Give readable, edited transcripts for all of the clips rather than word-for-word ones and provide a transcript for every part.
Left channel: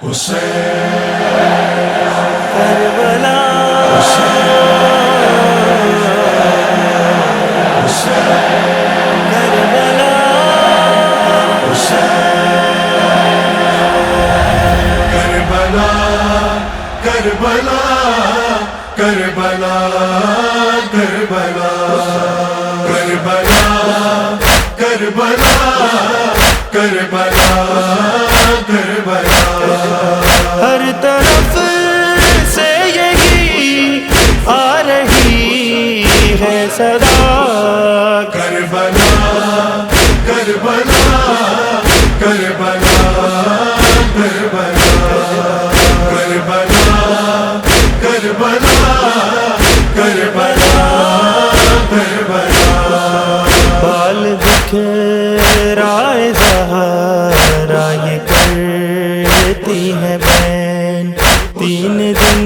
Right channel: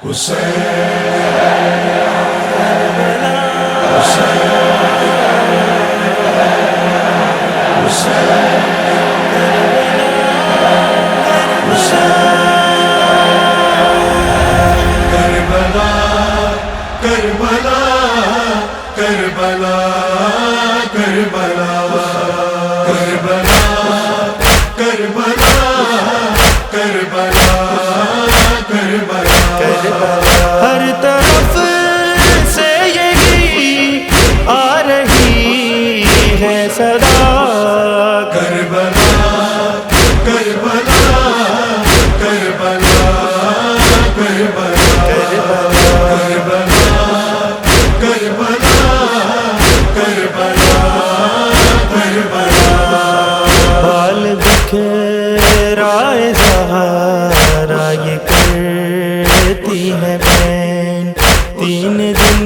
کربلا کربلا کربلا کربلا کربلا کربلا ہر طرف سے یہی آ رہی ہے صدا، کربلا کربلا کربلا کربلا کربلا کربلا کربلا کربلا بال بکھرائے زہرا یہ کرتی ہے بین، 3 دن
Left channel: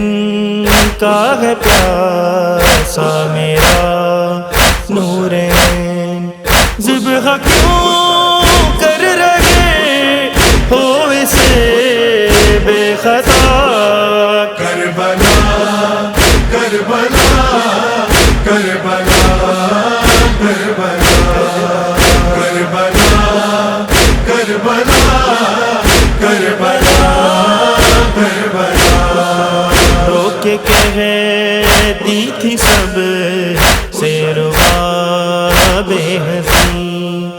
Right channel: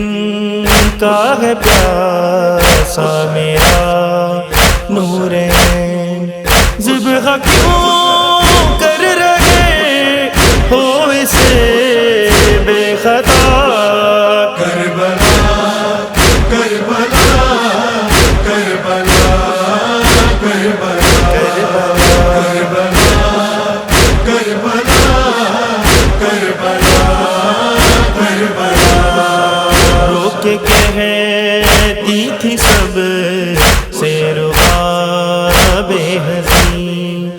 کا ہے پیاسا میرا نورین، ذبح کیوں کر رہے ہو اسے بے خطا، کربلا کربلا کربلا کربلا کربلا کربلا کربلا کربلا رو کے کہتی تھی سب سے ربا بے حسین،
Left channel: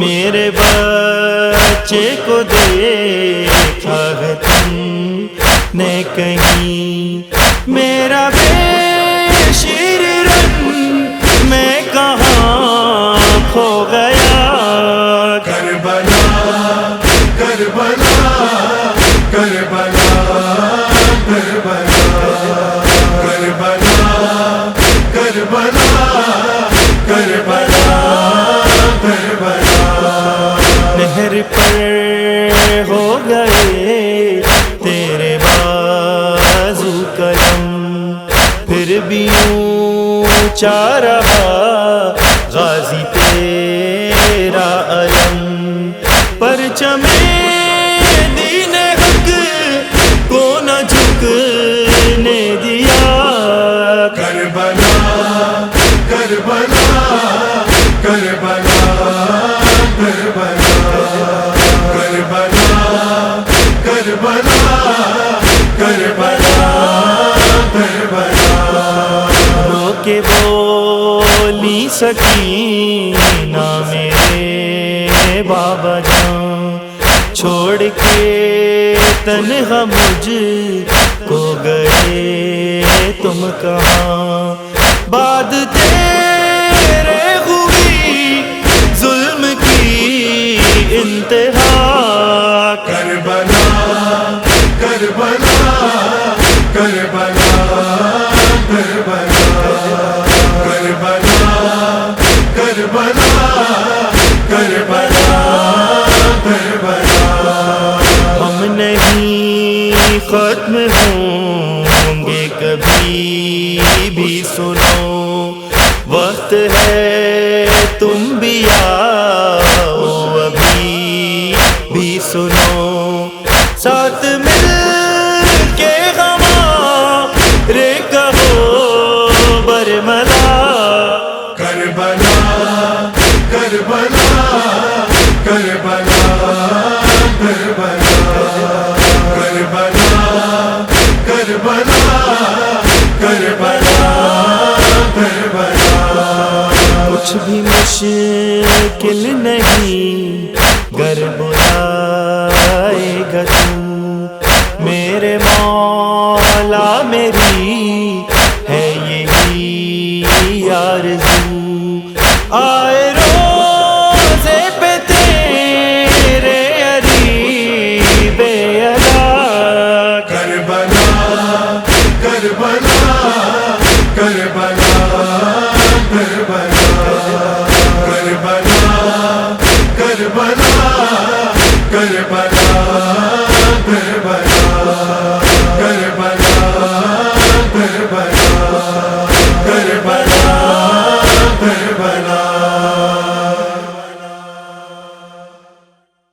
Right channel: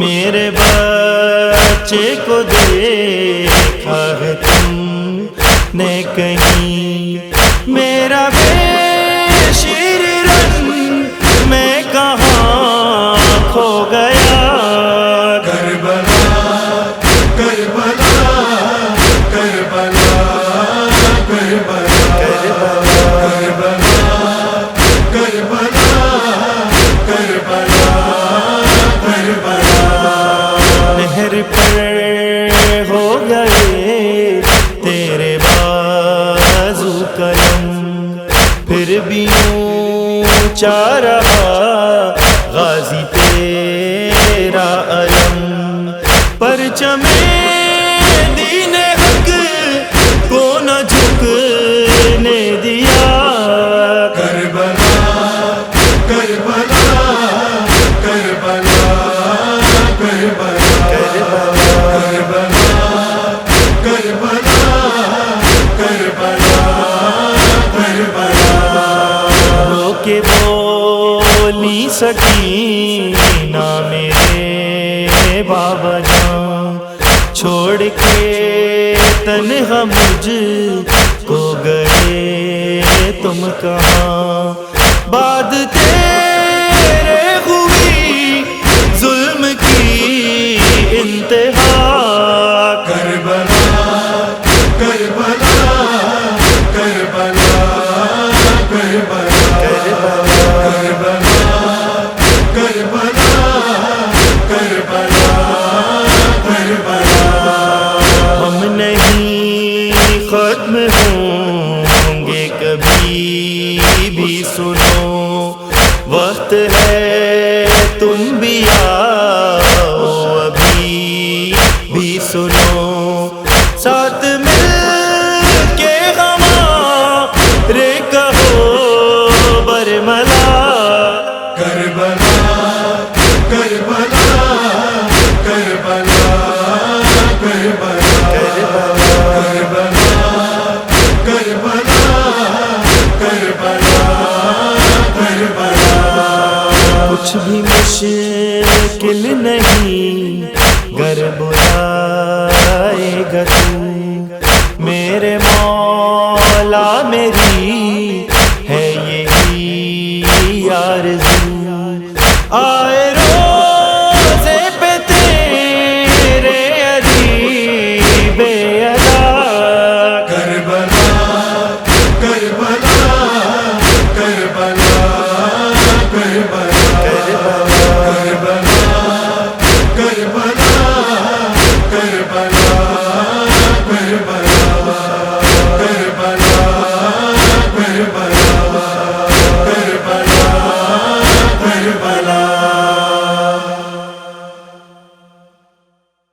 میرے بچے کو دیکھا ہے تم نے کہیں، میرا بے شیر رن میں کہاں کھو گیا، کربلا کربلا کربلا کربلا کربلا کربلا کربلا کربلا نہر پر ہو گئے تیرے بازو قلم، پھر بھی اونچا رہا غازی تیرا علم، پرچم دین حق کو نہ جھکنے دیا، کربلا کربلا کربلا کربلا کربلا کربلا کربلا کربلا رو کے بولی سکینہ میرے بابا جان، چھوڑ کے تنہا مجھ کو گئے تم کہاں، بعد تیرے ہوئی ظلم کی انتہا، کربلا کربلا کربلا کربلا کربلا کربلا کربلا کربلا ہم نہیں ختم ہوں گے کبھی بھی، سنو وقت ہے تم بھی آؤ ابھی بھی، سنو ساتھ مل کے ہمارے کہو برملا، کربلا کربلا کربلا کربلا کربلا کربلا کربلا کربلا کچھ بھی مشکل نہیں گر بلائے گا تو میرے مولا